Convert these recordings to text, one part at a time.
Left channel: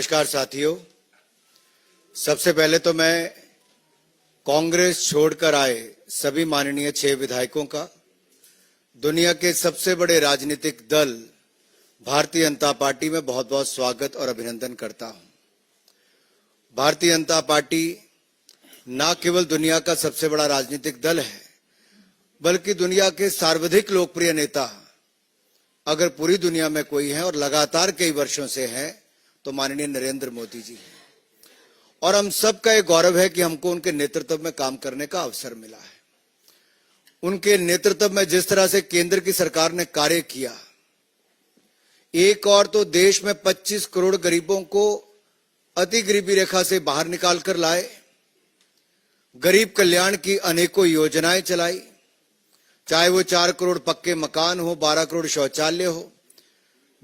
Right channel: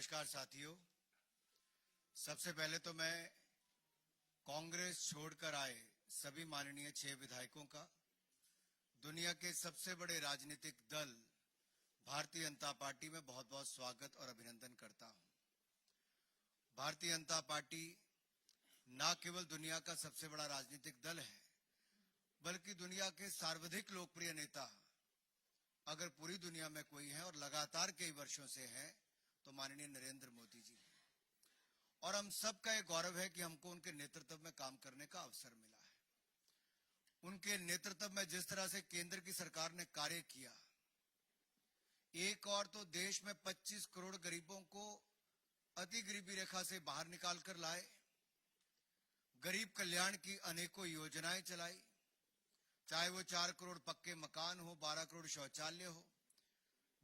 नमस्कार साथियों, सबसे पहले तो मैं कांग्रेस छोड़कर आए सभी माननीय 6 विधायकों का दुनिया के सबसे बड़े राजनीतिक दल भारतीय जनता पार्टी में बहुत बहुत स्वागत और अभिनंदन करता हूं। भारतीय जनता पार्टी न केवल दुनिया का सबसे बड़ा राजनीतिक दल है, बल्कि दुनिया के सर्वाधिक लोकप्रिय नेता अगर पूरी दुनिया में कोई है और लगातार कई वर्षों से है तो माननीय नरेंद्र मोदी जी हैं। और हम सबका ये गौरव है कि हमको उनके नेतृत्व में काम करने का अवसर मिला है। उनके नेतृत्व में जिस तरह से केंद्र की सरकार ने कार्य किया, एक और तो देश में 25 करोड़ गरीबों को अति गरीबी रेखा से बाहर निकाल कर लाए, गरीब कल्याण की अनेकों योजनाएं चलाई, चाहे वो 4 करोड़ पक्के मकान हो, 12 करोड़ शौचालय हो,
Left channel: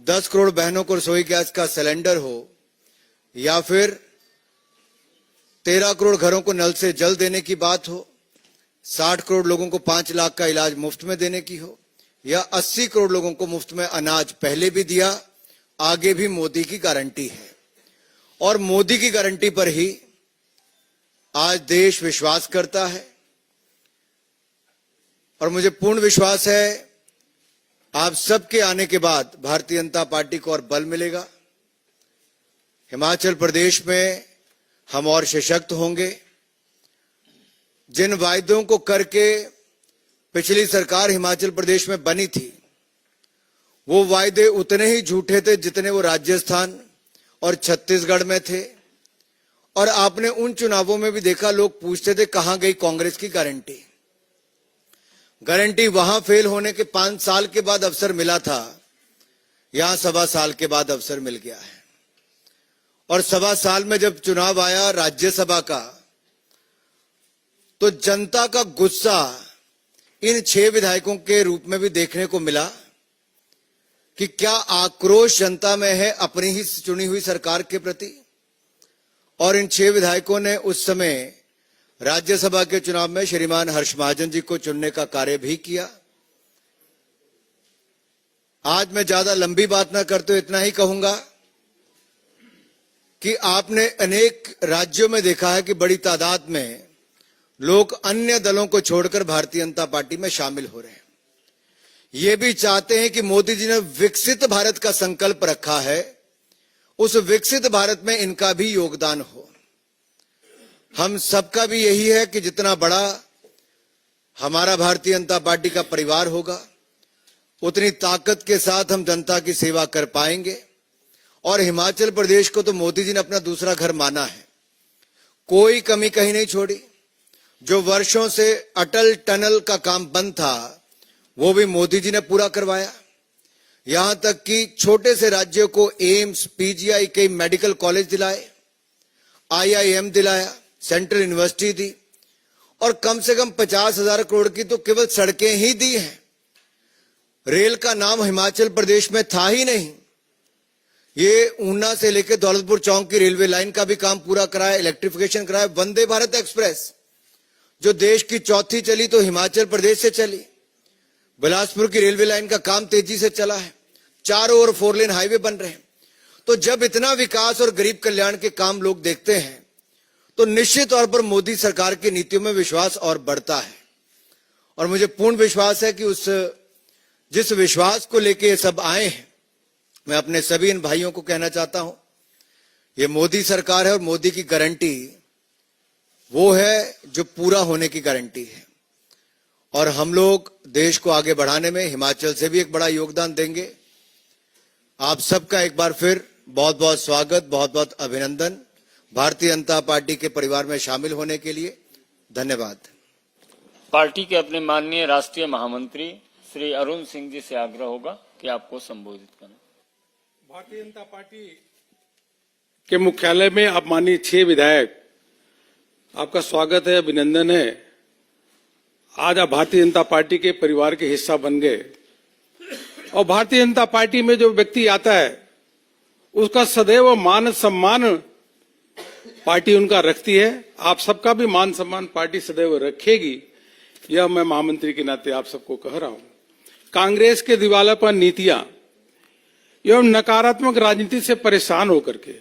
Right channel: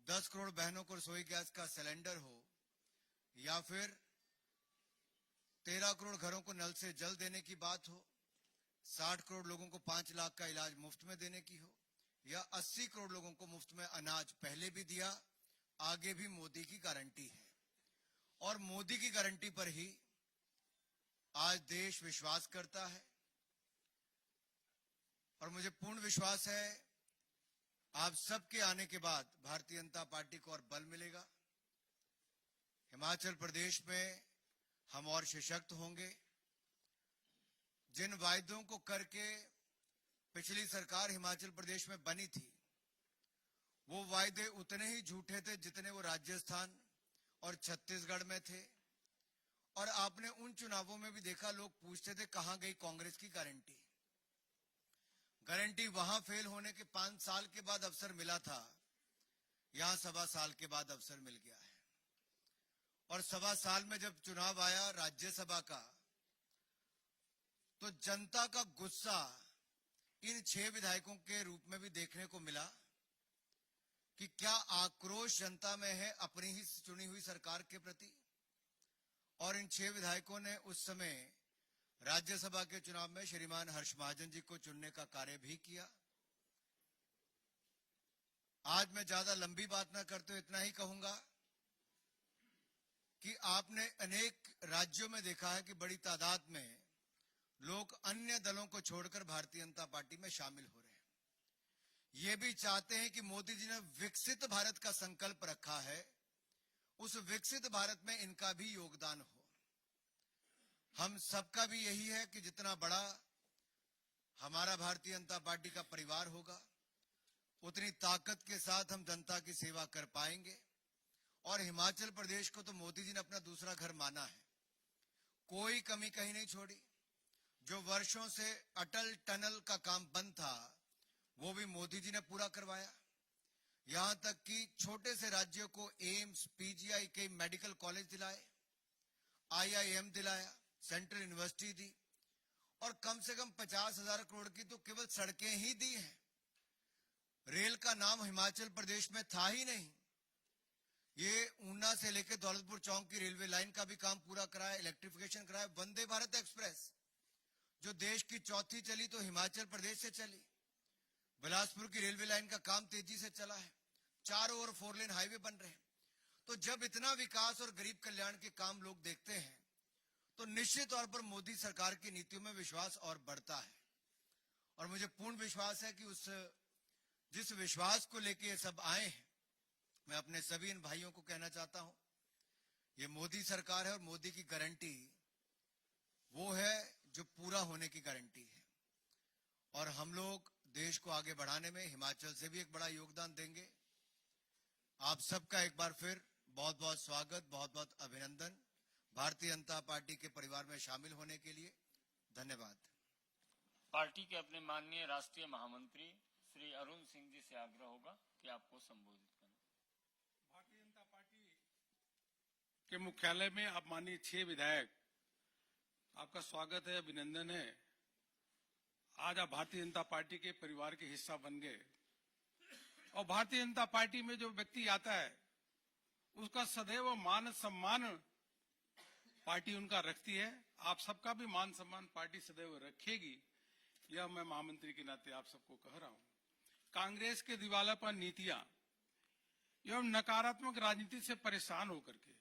10 करोड़ बहनों को रसोई गैस का सिलेंडर हो, या फिर 13 करोड़ घरों को नल से जल देने की बात हो, 60 करोड़ लोगों को 5 लाख का इलाज मुफ्त में देने की हो, या 80 करोड़ लोगों को मुफ्त में अनाज पहले भी दिया, आगे भी मोदी की गारंटी है। और मोदी की गारंटी पर ही आज देश विश्वास करता है और मुझे पूर्ण विश्वास है आप सबके आने के बाद भारतीय जनता पार्टी को और बल मिलेगा। हिमाचल प्रदेश में हम और सशक्त होंगे। जिन वायदों को करके पिछली सरकार हिमाचल प्रदेश में बनी थी, वो वायदे उतने ही झूठे थे जितने वो राजस्थान और छत्तीसगढ़ में थे। और आपने उन चुनावों में भी देखा, लोग पूछते थे कहां गई कांग्रेस की गारंटी। गारंटी वहां फेल होने के 5 साल के बाद अवसर मिला था, यहां 1.25 साल के बाद अवसर मिल गया है। और 1.25 साल में जब चुनाव आया राज्यसभा का, तो जनता का गुस्सा इन 6 विधायकों के रूप में भी देखने को मिला कि क्या आक्रोश जनता में है अपनी ही चुनी हुई सरकार के प्रति। और इन 6 विधायकों ने उस समय राज्यसभा के चुनाव में श्रीमान हर्ष महाजन जी को चुनने का कार्य भी किया। आज मैं ज्यादा लंबी बात ना करते हुए इतना ही कहूंगा कि आपने अनेक राज्यों में देखा है कि बड़ी तादाद में लोग अन्य दलों को छोड़कर भारतीय जनता पार्टी में शामिल हो रहे हैं। ये भी चाहते हैं कि मोदी जी ने विकसित भारत का संकल्प रखा है, उस विकसित भारत में इनका भी योगदान हो। हम सबका भी यही है कि जितना बड़ा हमारा भारतीय जनता पार्टी का परिवार होगा, उतनी ताकत के साथ हम जनता की सेवा कर पाएंगे। और हिमाचल प्रदेश को तो मोदी जी ने अपना दूसरा घर माना है, कोई कमी कहीं नहीं छोड़ी। जो वर्षों से अटल टनल का काम बंद था, वो भी मोदी जी ने पूरा करवाया। यहां तक कि छोटे से राज्यों को एम्स, पीजीआई, कई मेडिकल कॉलेज दिलाए, IIM दिलाया, सेंट्रल यूनिवर्सिटी दी, और कम से कम 50,000 करोड़ की तो केवल सड़कें ही दी हैं। रेल का नाम हिमाचल प्रदेश में था ही नहीं। ये ऊना से लेकर दौलतपुर चौक की रेलवे लाइन का भी काम पूरा कराया, इलेक्ट्रिफिकेशन कराया। वंदे भारत एक्सप्रेस जो देश की चौथी चली तो हिमाचल प्रदेश से चली। बिलासपुर की रेलवे लाइन का काम तेजी से चला है, चारों ओर 4 लेन हाईवे बन रहे हैं। तो जब इतना विकास और गरीब कल्याण के काम लोग देखते हैं तो निश्चित तौर पर मोदी सरकार की नीतियों में विश्वास और बढ़ता है। और मुझे पूर्ण विश्वास है कि जिस विश्वास को लेके ये सब आए हैं, मैं अपने सभी इन भाइयों को कहना चाहता हूं, ये मोदी सरकार है और मोदी की गारंटी वो है जो पूरा होने की गारंटी है। और हम लोग देश को आगे बढ़ाने में हिमाचल से भी एक बड़ा योगदान देंगे। आप सबका एक बार फिर बहुत बहुत स्वागत, बहुत बहुत अभिनंदन भारतीय जनता पार्टी के परिवार में शामिल होने के लिए। धन्यवाद। पार्टी के अपने माननीय राष्ट्रीय महामंत्री श्री अरुण सिंह जी से आग्रह होगा कि आपको संबोधित करें। भारतीय जनता पार्टी के मुख्यालय में आप माननीय 6 विधायक, आपका स्वागत है, अभिनंदन है। आज आप भारतीय जनता पार्टी के परिवार के हिस्सा बन गए। और भारतीय जनता पार्टी में जो व्यक्ति आता है उसका सदैव मान सम्मान पार्टी उनका रखती है। आप सबका भी मान सम्मान पार्टी सदैव रखेगी, यह मैं महामंत्री के नाते आप सबको कह रहा हूं। कांग्रेस के दिवालापन नीतियां एवं नकारात्मक राजनीति से परेशान होकर के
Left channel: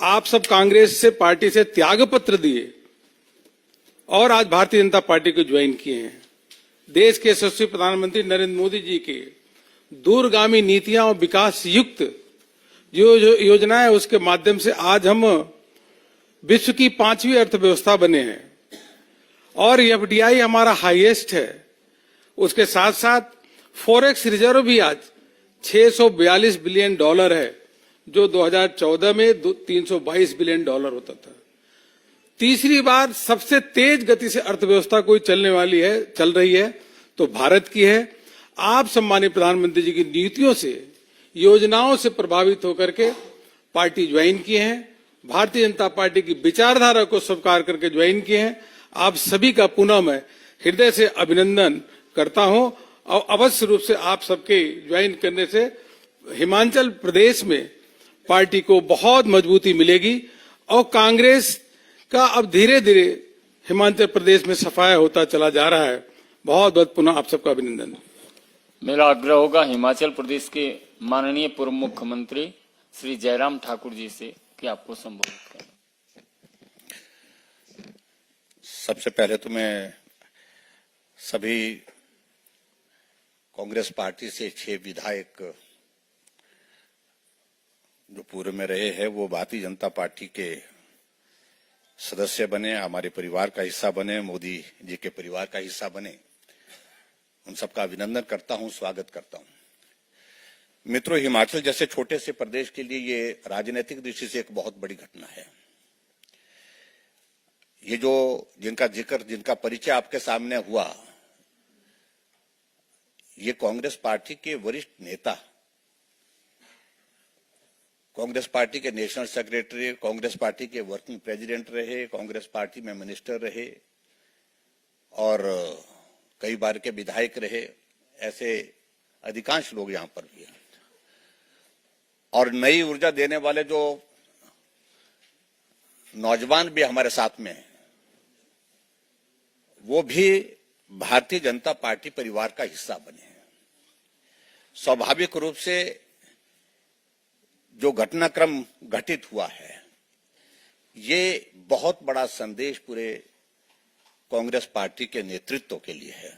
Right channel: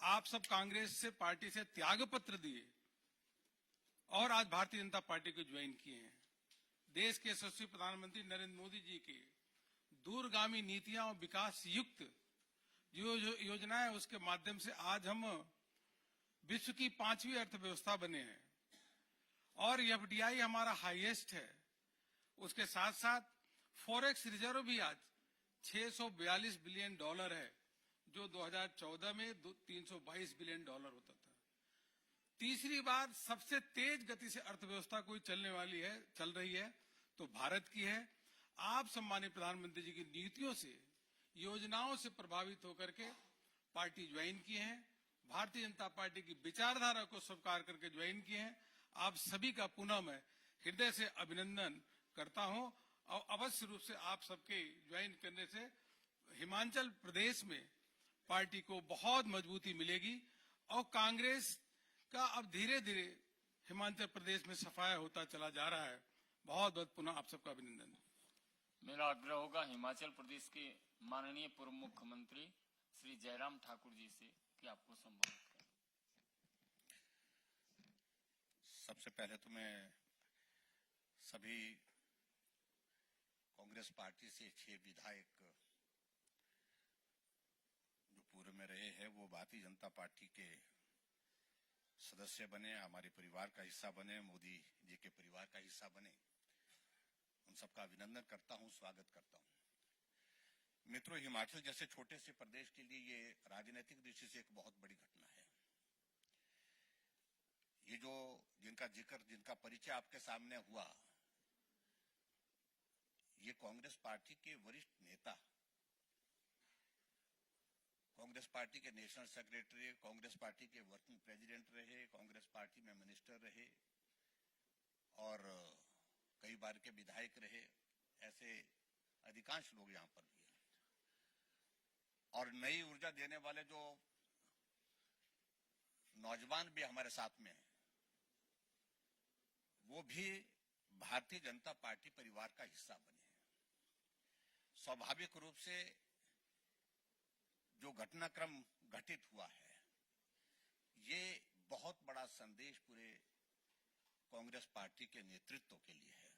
आप सब कांग्रेस से पार्टी से त्याग पत्र दिए और आज भारतीय जनता पार्टी को ज्वाइन किए हैं। देश के यशस्वी प्रधानमंत्री नरेंद्र मोदी जी के दूरगामी नीतियां और विकास युक्त जो योजनाएं उसके माध्यम से आज हम विश्व की 5वीं अर्थव्यवस्था बने हैं और एफडीआई हमारा हाईएस्ट है। उसके साथ साथ फॉरेक्स रिजर्व भी आज $642 बिलियन है, जो 2014 में 322 बिलियन डॉलर होता था। तीसरी बार सबसे तेज गति से अर्थव्यवस्था कोई चल रही है तो भारत की है। आप सम्मानित प्रधानमंत्री जी की नीतियों से, योजनाओं से प्रभावित होकर के पार्टी ज्वाइन किए हैं, भारतीय जनता पार्टी की विचारधारा को स्वीकार करके ज्वाइन किए हैं। आप सभी का पुनः मैं हृदय से अभिनंदन करता हूं और अवश्य रूप से आप सबके ज्वाइन करने से हिमाचल प्रदेश में पार्टी को बहुत मजबूती मिलेगी और कांग्रेस का अब धीरे धीरे हिमाचल प्रदेश में सफाया होता चला जा रहा है। बहुत बहुत पुनः आप सबका अभिनंदन। मेरा आग्रह होगा हिमाचल प्रदेश के माननीय पूर्व मुख्यमंत्री श्री जयराम ठाकुर जी से कि आपको संबोधित करें। सबसे पहले तो मैं सभी कांग्रेस पार्टी से 6 विधायक जो पूर्व में रहे हैं वो भारतीय जनता पार्टी के सदस्य बने, हमारे परिवार का हिस्सा बने, मोदी जी के परिवार का हिस्सा बने, उन सबका अभिनंदन करता हूं, स्वागत करता हूं। मित्रों, हिमाचल जैसे छोटे से प्रदेश के लिए ये राजनीतिक दृष्टि से एक बहुत बड़ी घटना है। ये जो जिनका परिचय आपके सामने हुआ, ये कांग्रेस पार्टी के वरिष्ठ नेता, कांग्रेस पार्टी के नेशनल सेक्रेटरी, कांग्रेस पार्टी के वर्किंग प्रेसिडेंट रहे, कांग्रेस पार्टी में मिनिस्टर रहे और कई बार के विधायक रहे। ऐसे अधिकांश लोग यहां पर भी हैं और नई ऊर्जा देने वाले जो नौजवान भी हमारे साथ में हैं, वो भी भारतीय जनता पार्टी परिवार का हिस्सा बने हैं। स्वाभाविक रूप से जो घटनाक्रम घटित हुआ है, ये बहुत बड़ा संदेश पूरे कांग्रेस पार्टी के नेतृत्व के लिए है।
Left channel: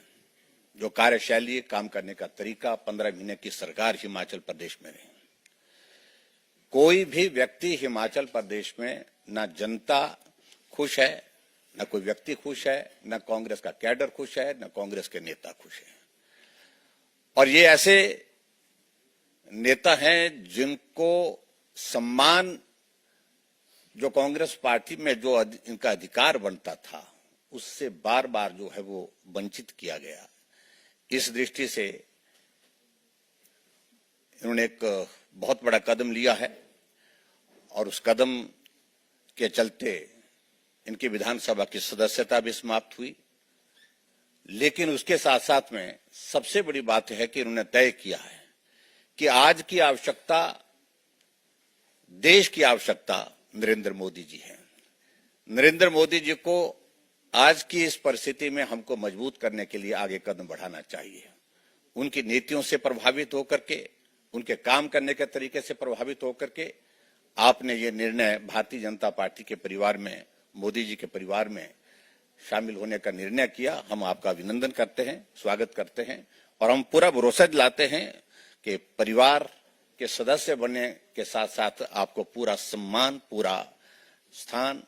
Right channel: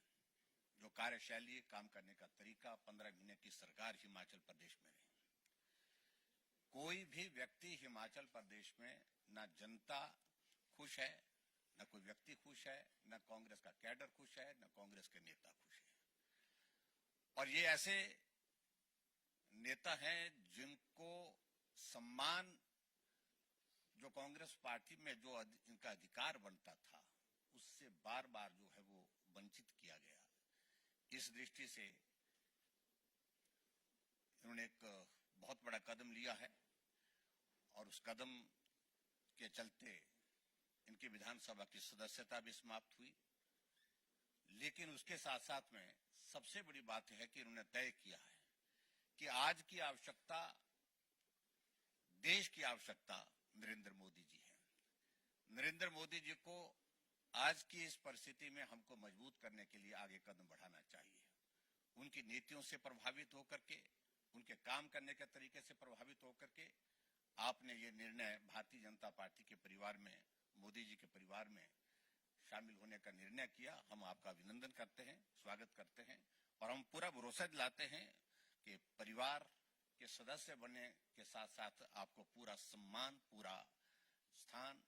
जो कार्यशैली, काम करने का तरीका, 15 महीने की सरकार हिमाचल प्रदेश में रही, कोई भी व्यक्ति हिमाचल प्रदेश में ना जनता खुश है, न कोई व्यक्ति खुश है, न कांग्रेस का कैडर खुश है, न कांग्रेस के नेता खुश है। और ये ऐसे नेता हैं जिनको सम्मान जो कांग्रेस पार्टी में जो इनका अधिकार बनता था, उससे बार बार जो है वो वंचित किया गया। इस दृष्टि से इन्होंने एक बहुत बड़ा कदम लिया है और उस कदम के चलते इनकी विधानसभा की सदस्यता भी समाप्त हुई। लेकिन उसके साथ साथ में सबसे बड़ी बात है कि इन्होंने तय किया है कि आज की आवश्यकता, देश की आवश्यकता नरेंद्र मोदी जी है। नरेंद्र मोदी जी को आज की इस परिस्थिति में हमको मजबूत करने के लिए आगे कदम बढ़ाना चाहिए। उनकी नीतियों से प्रभावित होकर के, उनके काम करने के तरीके से प्रभावित होकर के आपने ये निर्णय भारतीय जनता पार्टी के परिवार में, मोदी जी के परिवार में शामिल होने का निर्णय किया। हम आपका अभिनंदन करते हैं, स्वागत करते हैं और हम पूरा भरोसा दिलाते हैं कि परिवार के सदस्य बनने के साथ साथ आपको पूरा सम्मान, पूरा स्थान,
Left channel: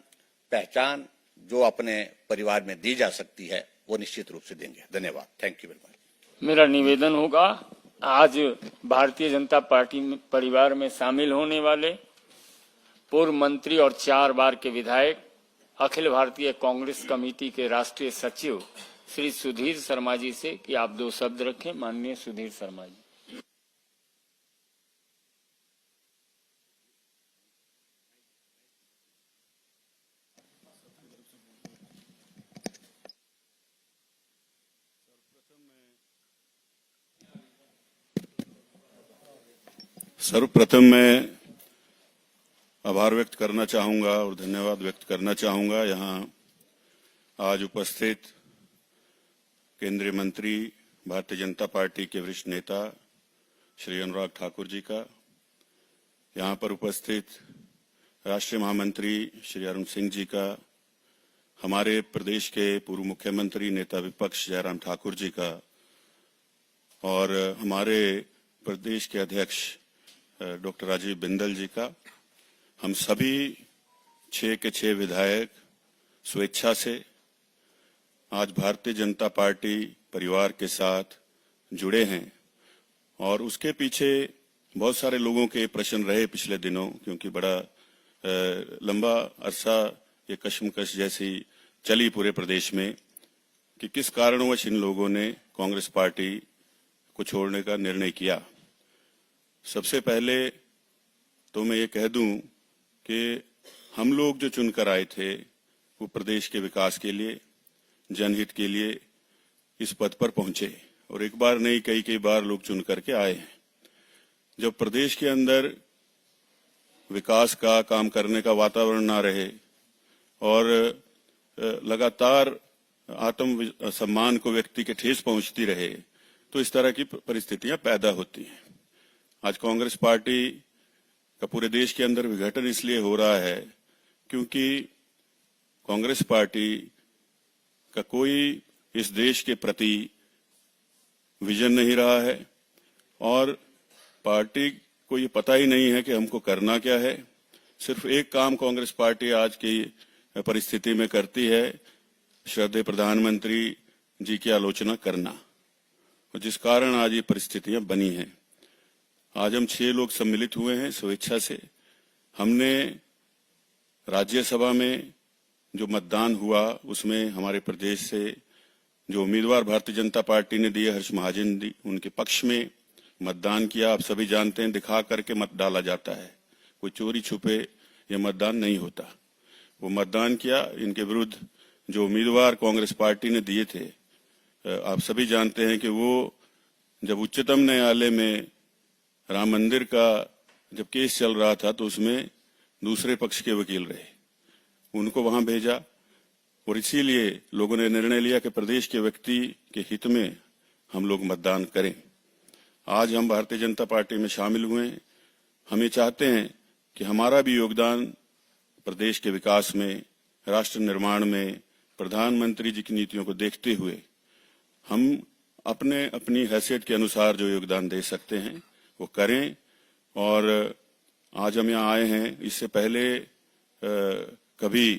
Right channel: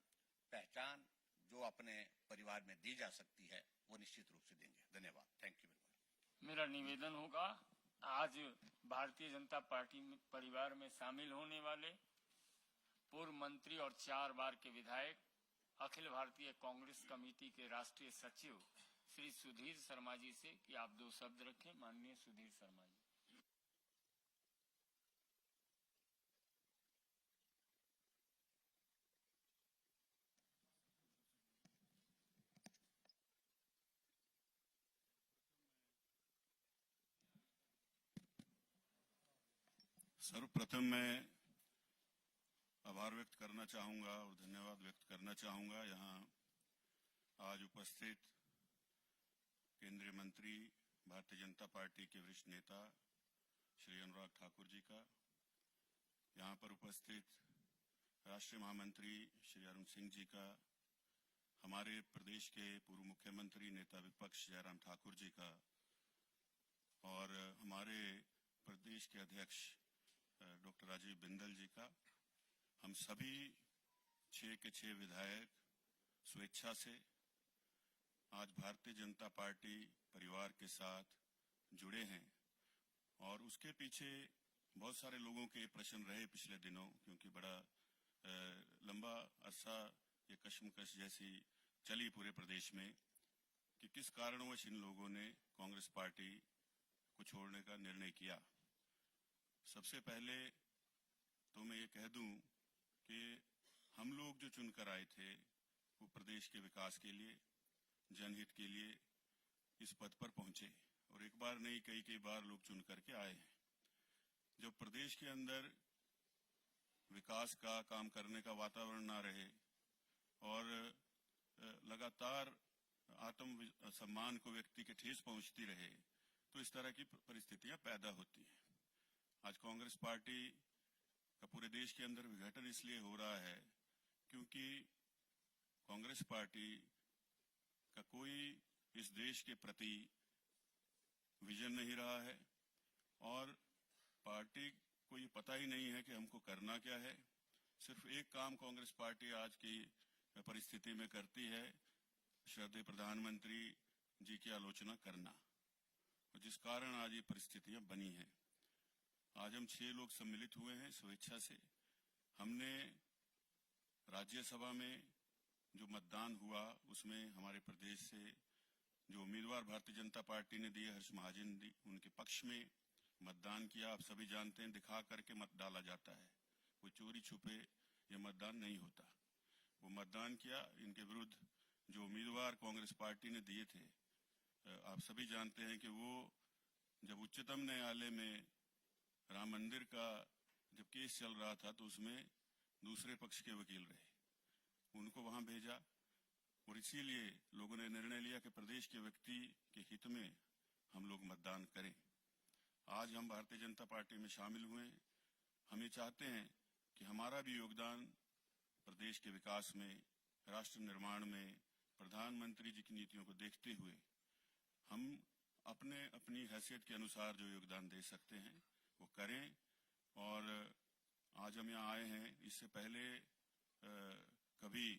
पहचान जो अपने परिवार में दी जा सकती है वो निश्चित रूप से देंगे। धन्यवाद। Thank you very much. मेरा निवेदन होगा, आज भारतीय जनता पार्टी परिवार में शामिल होने वाले पूर्व मंत्री और 4 बार के विधायक, अखिल भारतीय कांग्रेस कमेटी के राष्ट्रीय सचिव श्री सुधीर शर्मा जी से कि आप 2 शब्द रखें। माननीय सुधीर शर्मा जी। सर्वप्रथम मैं आभार व्यक्त करना चाहूंगा और धन्यवाद व्यक्त करना चाहूंगा यहाँ आज उपस्थित केंद्रीय मंत्री, भारतीय जनता पार्टी के वरिष्ठ नेता श्री अनुराग ठाकुर जी का, यहाँ पर उपस्थित राष्ट्रीय महामंत्री श्री अरुण सिंह जी का, हमारे प्रदेश के पूर्व मुख्यमंत्री नेता विपक्ष जयराम ठाकुर जी का और हमारे प्रदेश के अध्यक्ष डॉक्टर राजीव बिंदल जी का, हम सभी 6 के 6 विधायक स्वेच्छा से आज भारतीय जनता पार्टी परिवार के साथ जुड़े हैं। और उसके पीछे बहुत सारे लोगों के प्रश्न रहे पिछले दिनों, क्योंकि बड़ा लंबा अरसा ये कशमकश जैसी चली पूरे प्रदेश में कि किस कारणवश इन लोगों ने कांग्रेस पार्टी को छोड़ने का निर्णय किया। सबसे पहले तो मैं ये कह दूं कि हम लोग जो चुनकर आए थे वो प्रदेश के विकास के लिए, जनहित के लिए इस पद पर पहुंचे, और एक बार नहीं कई बार लोग चुन करके आए हैं। जब प्रदेश के अंदर विकास का काम करने का वातावरण ना रहे और लगातार आत्म सम्मान को व्यक्ति के ठेस पहुंचती रहे, तो इस तरह की परिस्थितियां पैदा होती हैं। आज कांग्रेस पार्टी का पूरे देश के अंदर विघटन इसलिए हो रहा है क्योंकि कांग्रेस पार्टी का कोई इस देश के प्रति विजन नहीं रहा है और पार्टी को ये पता ही नहीं है कि हमको करना क्या है। सिर्फ एक काम कांग्रेस पार्टी आज की परिस्थिति में करती है, श्रद्धेय प्रधानमंत्री जी की आलोचना करना, और जिस कारण आज ये परिस्थितियां बनी हैं। आज हम 6 लोग सम्मिलित हुए हैं स्वेच्छा से। हमने राज्यसभा में जो मतदान हुआ उसमें हमारे प्रदेश से जो उम्मीदवार भारतीय जनता पार्टी ने दिए, हर्ष महाजन जी, उनके पक्ष में मतदान किया। आप सभी जानते हैं, दिखा करके मत डाला जाता है, कोई चोरी छुपे ये मतदान नहीं होता। वो मतदान किया। इनके विरुद्ध जो उम्मीदवार कांग्रेस पार्टी ने दिए थे, आप सभी जानते हैं कि वो जब उच्चतम न्यायालय में राम मंदिर का जब केस चल रहा था तो उसमें दूसरे पक्ष के वकील रहे, उनको वहां भेजा। और इसीलिए लोगों ने निर्णय लिया कि प्रदेश के व्यक्ति के हित में हम लोग मतदान करें। आज हम भारतीय जनता पार्टी में शामिल हुए हैं। हम ये चाहते हैं कि हमारा भी योगदान प्रदेश के विकास में, राष्ट्र निर्माण में, प्रधानमंत्री जी की नीतियों को देखते हुए हम अपने अपनी हैसियत के अनुसार जो योगदान दे सकते हैं वो करें। और आज हम यहाँ आए हैं, इससे पहले कभी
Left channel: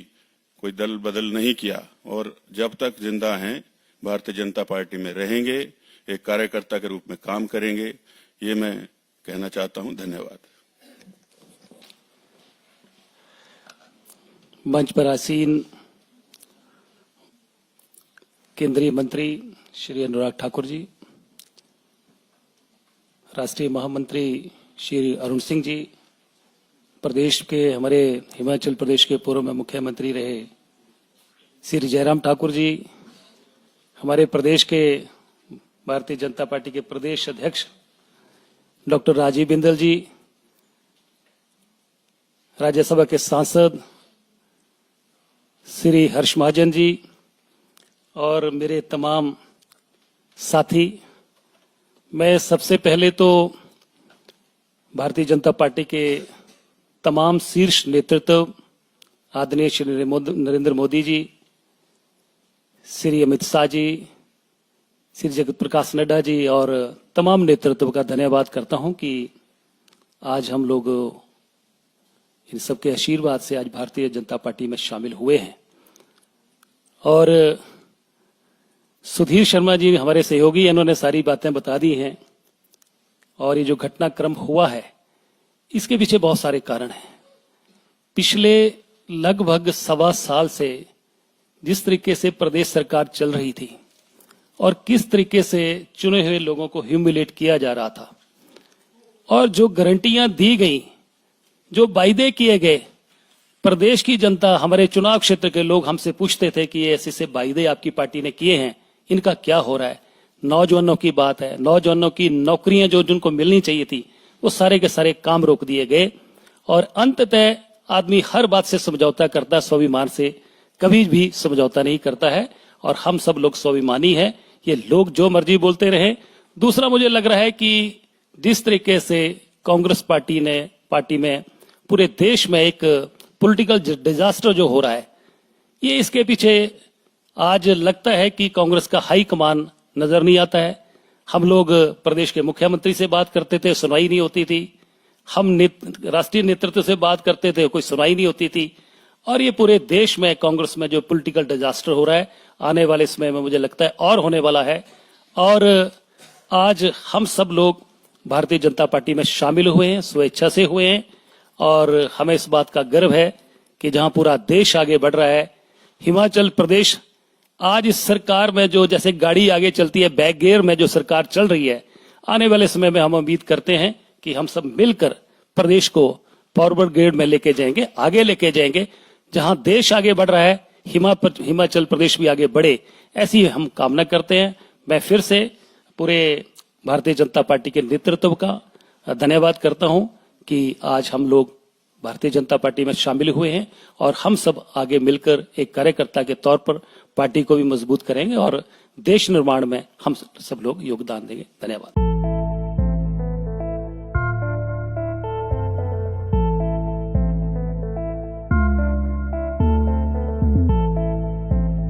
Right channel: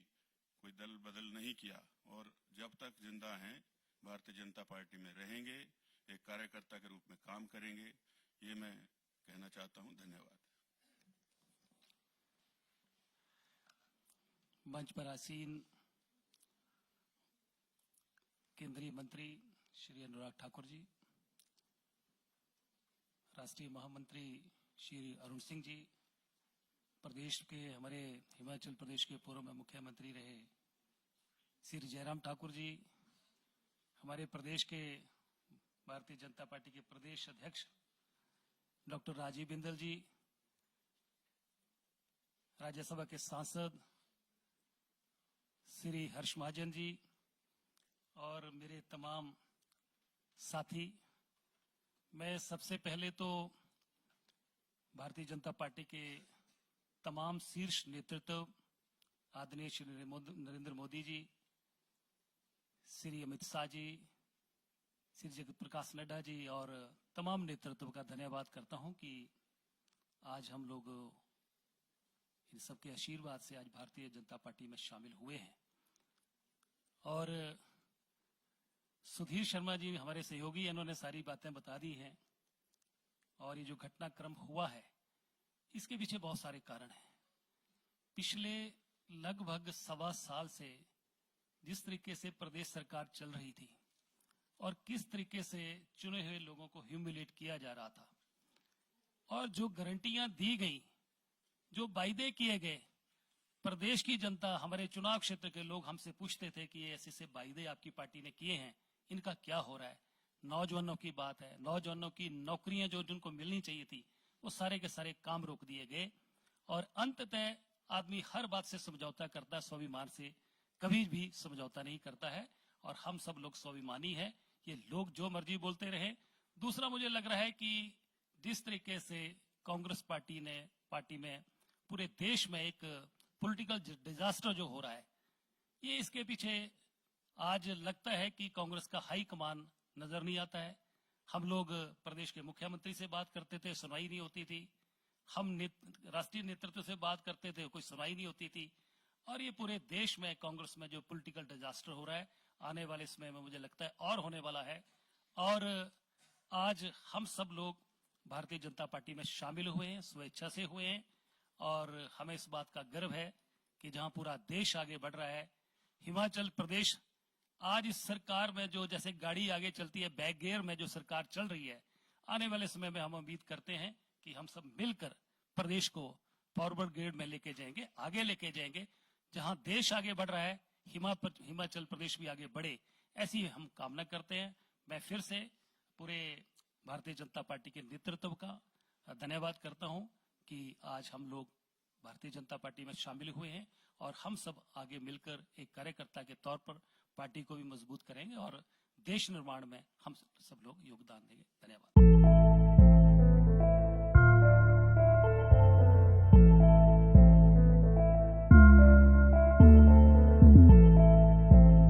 कोई दल बदल नहीं किया और जब तक जिंदा हैं भारतीय जनता पार्टी में रहेंगे, एक कार्यकर्ता के रूप में काम करेंगे, ये मैं कहना चाहता हूं। धन्यवाद। मंच पर आसीन केंद्रीय मंत्री श्री अनुराग ठाकुर जी, राष्ट्रीय महामंत्री श्री अरुण सिंह जी, प्रदेश के हमारे हिमाचल प्रदेश के पूर्व में मुख्यमंत्री रहे श्री जयराम ठाकुर जी, हमारे प्रदेश के भारतीय जनता पार्टी के प्रदेश अध्यक्ष डॉक्टर राजीव बिंदल जी, राज्यसभा के सांसद श्री हर्ष महाजन जी और मेरे तमाम साथी। मैं सबसे पहले तो भारतीय जनता पार्टी के तमाम शीर्ष नेतृत्व, आदरणीय श्री नरेंद्र मोदी जी, श्री अमित शाह जी, श्री जगत प्रकाश नड्डा जी और तमाम नेतृत्व का धन्यवाद करता हूं कि आज हम लोग इन सबके आशीर्वाद से आज भारतीय जनता पार्टी में शामिल हुए हैं। और सुधीर शर्मा जी हमारे सहयोगी, इन्होंने सारी बातें बता दी हैं। और ये जो घटनाक्रम हुआ है इसके पीछे बहुत सारे कारण हैं। पिछले लगभग 1.25 साल से जिस तरीके से प्रदेश सरकार चल रही थी और किस तरीके से चुने हुए लोगों को ह्यूमिलेट किया जा रहा था और जो गारंटियां दी गई, जो वायदे किए गए, प्रदेश की जनता, हमारे चुनाव क्षेत्र के लोग हमसे पूछते थे कि ये ऐसे से वायदे आपकी पार्टी ने किए हैं, इनका क्या हो रहा है। नौजवानों की बात है, नौजवानों की नौकरियां जो जिनको मिलनी चाहिए थी वो सारे के सारे काम रोक दिए गए। और अंततः आदमी हर बात से समझौता करता है, स्वाभिमान से कभी भी समझौता नहीं करता है। और हम सब लोग स्वाभिमानी हैं, ये लोग जो मर्जी बोलते रहे। दूसरा, मुझे लग रहा है कि जिस तरीके से कांग्रेस पार्टी में पूरे देश में एक पॉलिटिकल डिजास्टर जो हो रहा है, ये इसके पीछे आज लगता है कि कांग्रेस का हाई कमान नजर नहीं आता है। हम लोग प्रदेश के मुख्यमंत्री से बात करते थे, सुनवाई नहीं होती थी। हम राष्ट्रीय नेतृत्व से बात करते थे, कोई सुनवाई नहीं होती थी। और ये पूरे देश में कांग्रेस में जो पॉलिटिकल डिजास्टर हो रहा है, आने वाले समय में मुझे लगता है और होने वाला है। और आज हम सब लोग भारतीय जनता पार्टी में शामिल हुए हैं, स्वेच्छा से हुए हैं। और हमें इस बात का गर्व है कि जहां पूरा देश आगे बढ़ रहा है, हिमाचल प्रदेश आज इस सरकार में जो जैसे गाड़ी आगे चलती है, बैक गियर में जो सरकार चल रही है, आने वाले समय में हम उम्मीद करते हैं कि हम सब मिलकर प्रदेश को फॉरवर्ड गियर में लेके जाएंगे, आगे लेके जाएंगे। जहां देश आगे बढ़ रहा है, हिमाचल प्रदेश भी आगे बढ़े, ऐसी हम कामना करते हैं। मैं फिर से पूरे भारतीय जनता पार्टी के नेतृत्व का धन्यवाद करता हूं कि आज हम लोग भारतीय जनता पार्टी में शामिल हुए हैं और हम सब आगे मिलकर एक कार्यकर्ता के तौर पर पार्टी को भी मजबूत करेंगे और देश निर्माण में हम सब लोग योगदान देंगे। धन्यवाद।